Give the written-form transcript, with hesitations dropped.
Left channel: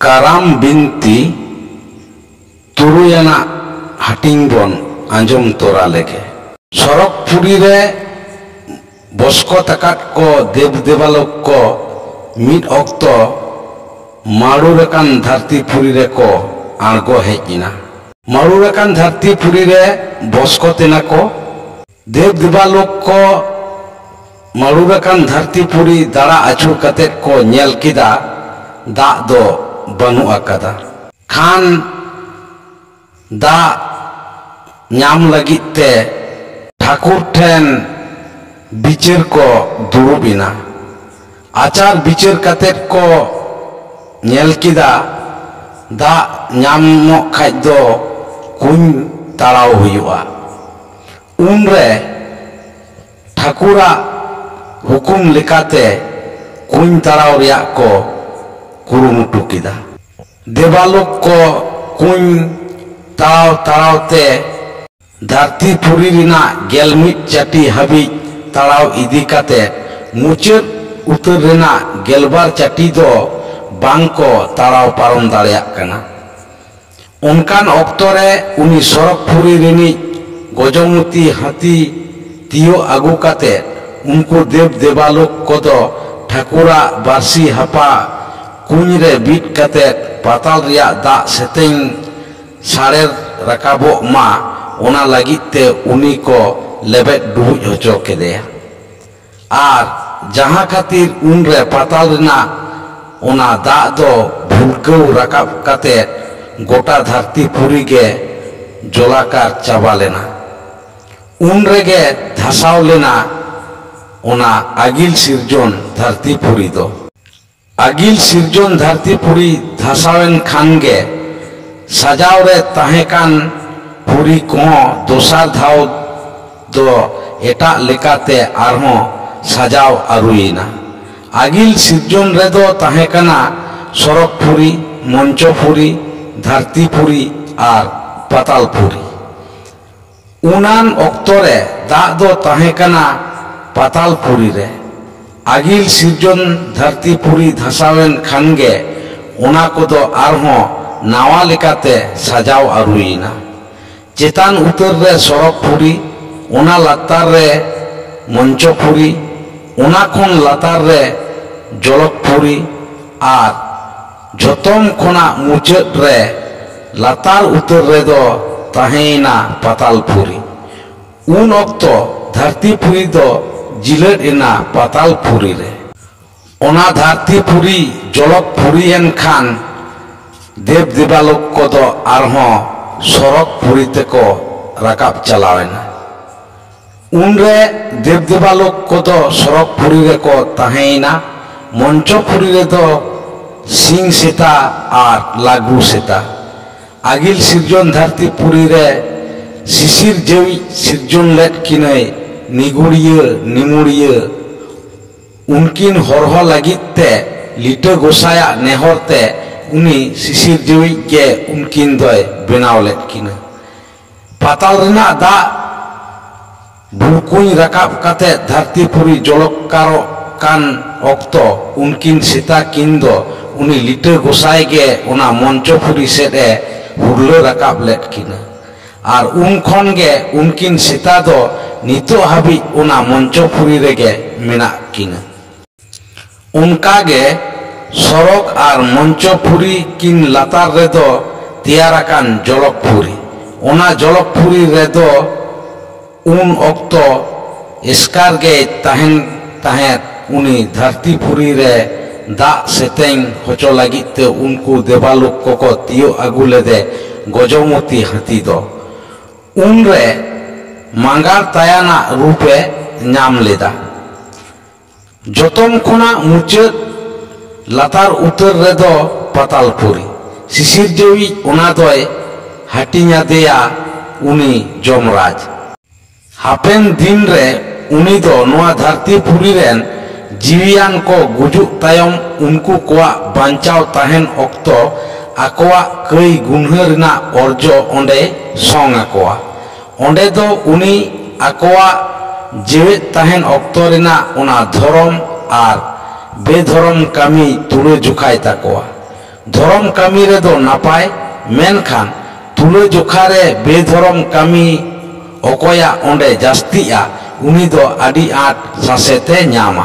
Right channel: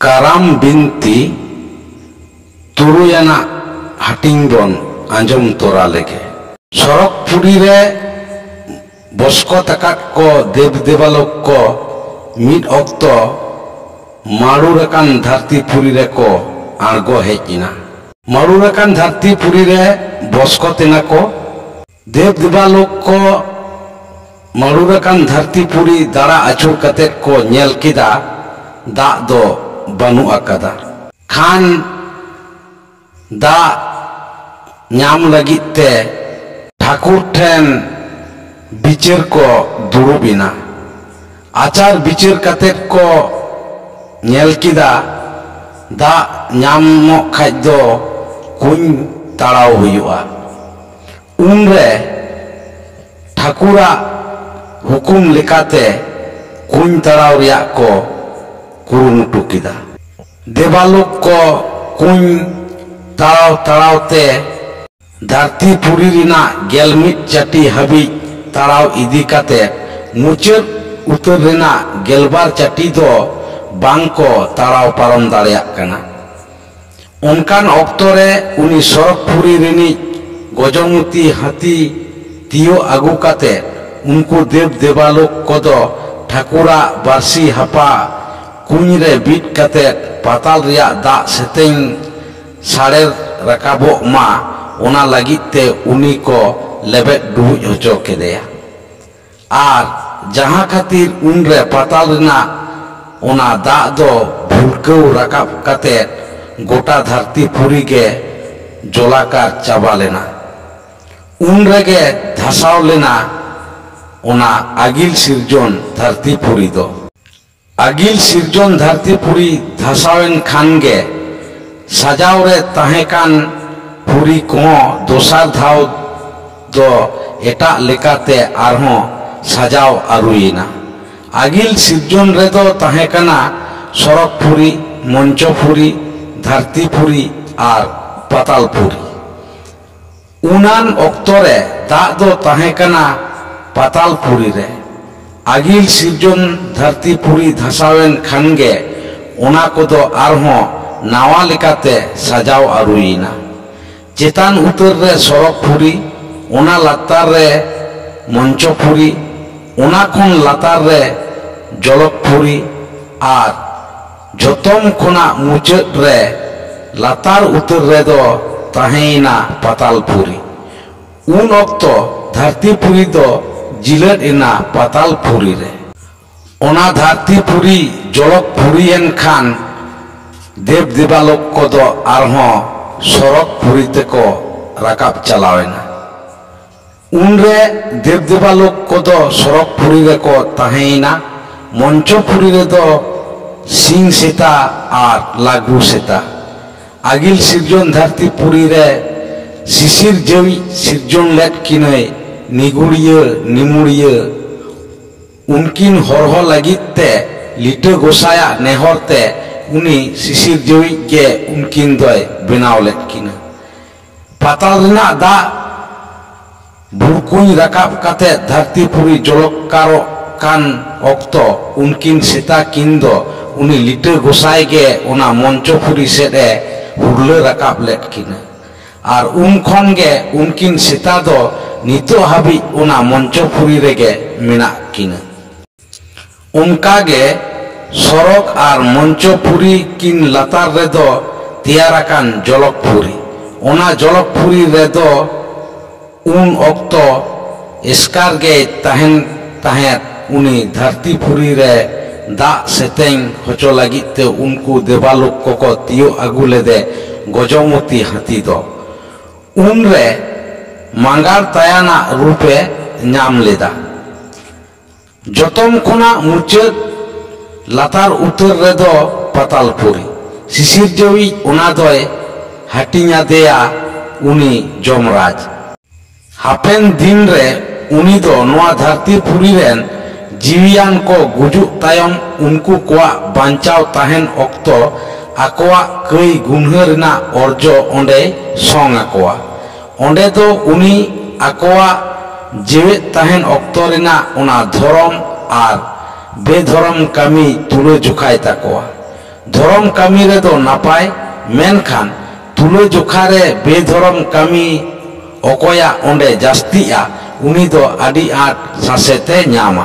ᱠᱟᱨᱟᱢ ᱵᱤᱱᱛᱤ ᱛᱩᱨᱩᱭᱟᱱᱟᱜ ᱦᱟᱹᱴᱤᱧ ᱵᱚᱱ ᱟᱸᱡᱚᱢ ᱛᱚᱨᱟ ᱞᱮᱜᱮ। ᱥᱚᱨᱚᱜ ᱯᱩᱨᱤ ᱨᱮ ᱵᱚᱥᱠᱚᱛ ᱟᱠᱟᱫ ᱠᱚ ᱫᱮᱵ ᱫᱮᱵᱟᱞᱳᱠ ᱠᱚ ᱢᱤᱫ ᱚᱠᱛᱚ ᱢᱟᱲᱩᱨ ᱟᱠᱟᱱ ᱫᱷᱟᱹᱨᱛᱤ ᱯᱩᱨᱤ ᱨᱮᱠᱚ ᱟᱬᱜᱚ ᱦᱮᱡ ᱮᱱᱟ। ᱢᱟᱲᱩᱨ ᱟᱠᱟन ᱫᱷᱟᱹᱨᱛᱤ ᱯᱩᱨᱤ ᱨᱮ বসকত এনা কো দেব দেবালোক কো মাড়ুর আকান ধারতি পুরি দাঁড়া আছুর কাতে কো নেল কিদা দাগ দো বানু আকাদা খান দাগ ᱧᱟᱢ ᱞᱟᱹᱜᱤᱫ ᱛᱮ ᱴᱷᱟকুর ᱴᱷᱮᱱ ᱵᱤᱪᱟᱹᱨ ᱠᱚ ᱫᱩᱲᱩᱵ ᱮᱱᱟ। ᱟᱪᱟᱨ ᱵᱤᱪᱟᱹᱨ ᱠᱟᱛᱮ ᱠᱚ ᱧᱮᱞ ᱠᱮᱫᱟ ᱫᱟᱜ ᱧᱟᱢᱚᱜ ᱠᱷᱟᱡ ᱫᱚ कुñ ताड़ाव हुआ। उनरे ठाकुरा हुकुम लेकाते कुñ ताड़ाव रिया को कुरुमुटु किदा। देवालोक को कुñ ताड़ाव ताड़ाव ते धरती पुरी रिना गेलमिट चाटी हाबी ताड़ाव इदी काते मुचाद उतर रिना गेलबार चाटी दो बांग को ताड़ाव पारम दाड़ेयाग कना। उनकान अक्तरे उनी सरक पुरी रिनी गजमुती हाथी तियो आगु काते उनको देव देवालोक कोदो ठाकुरा बारसी हापा कुñ रे बीट काते पाताल रिया दा सेतें साड़े रकाबो मा ओना लागित ते उनी को लेबेट डुबुज होचो केदेया। आर जहां खातिर उन रे पाताल रिना ओना दा दो भुलकौ रकाब काते गोटा धरती पुरी के जलाकार चाबा लेना। उन रेगे धसाव लेना ओना आगिल सिरजन धरती पुरी दो। आगिल सिरजन धरती पुरी धसावेन खानगे सजाव रे ताहेकान पुरी को दोसार धाव दो एटा लेकाते आरहों सजाव आरुइना। आगिल सिरजन रे दो ताहेकाना सरक पुरी मंचो पुरी धरती पुरी आर पाताल पुरी। उनान अक्तरे दाग दो ताहेकाना पाताल पुरी रे। आगिल सिरजन धरती पुरी धसावेन खानगे ओना कोदो आरहों नावा लेकाते सजाव आरुइना। चेतान उतर रे सरक पुरी ओना लातार रे मंचो पुरी ओना खन लातार रे जलक पुरी आर जतम खोना मुचाद रे लातार उतर रे दो ताहेना पाताल पुरी। उन अक्तो धरती पुरी दो जिलट एना पाताल पुरी रे। ओना धरती पुरी जलक पुरी एन खान देव देवालोक को दो आरहों सरक पुरी ते को रकाब चलावेना। उन रे देव देवालोक को दो सरक पुरी रे को ताहेना। मंचो पुरी रे दो सिंह सेता आर लागू सेता। आगिल सिरजन धरती पुरी रे शिशिर जेवी सिरजन लेट किने निगुड़िया निमुड़िया उनकिन हरह लागित ते लिटे गोसाया नेहर ते उनी शिशिर जेवी के उनकिन दोय बेनाव लेट किने। पाताल रिना दा भुलकुñ रकाब काते धरती पुरी जलकारो कान अक्तो उनकिन सेता किन दो उनी लिटे गोसाय गे ओना मंचो पुरी सेदे हुरले रकाब लेट किने। आर उन खन गे उनकिन सेता दो नितो हाबी ओना मंचो पुरी रेगे मेना किने। उनका गे सरक आर मंचो पुरी किन लातार रे दो तियाराकान जलक पुरी। ओना जलक पुरी रे दो उन अक्तो एस्कार गे ताहेन ताहेत उनी धरती पुरी रे दाग सेतें होचो लागित ते उनको देवालोक को तियो आगु लेदे गजमुती हाथी दो। उन रे मांगार तायाना रूपे नाम लेदा। जतम खोना मुचाद लातार उतर रे दो पाताल पुरी। शिशिर जेवी ओना दोय हाटिया देया उनी जमराज। हापेन दिन रे उनी दो नोआ धरती पुरी रेन जीवियान को गुजु तायम उनको कोआ बांचाव ताहेन अक्तो आकोआ कई गुन्हरना अर्जो ओंडे सोंग आकोआ। ओंडे दो उनी आकोआ जेवे ताहेन अक्तो रेना ओना धरम आर बेधरम कामी तुले जुखाय ताकोआ। धर्म कामी रे दो नापाय मेनखान तुले जोखा रे बेधर्म कामी अकोया ओंडे जास्तिया उनी दो आदि आट सासेते ᱧᱟᱢᱟ।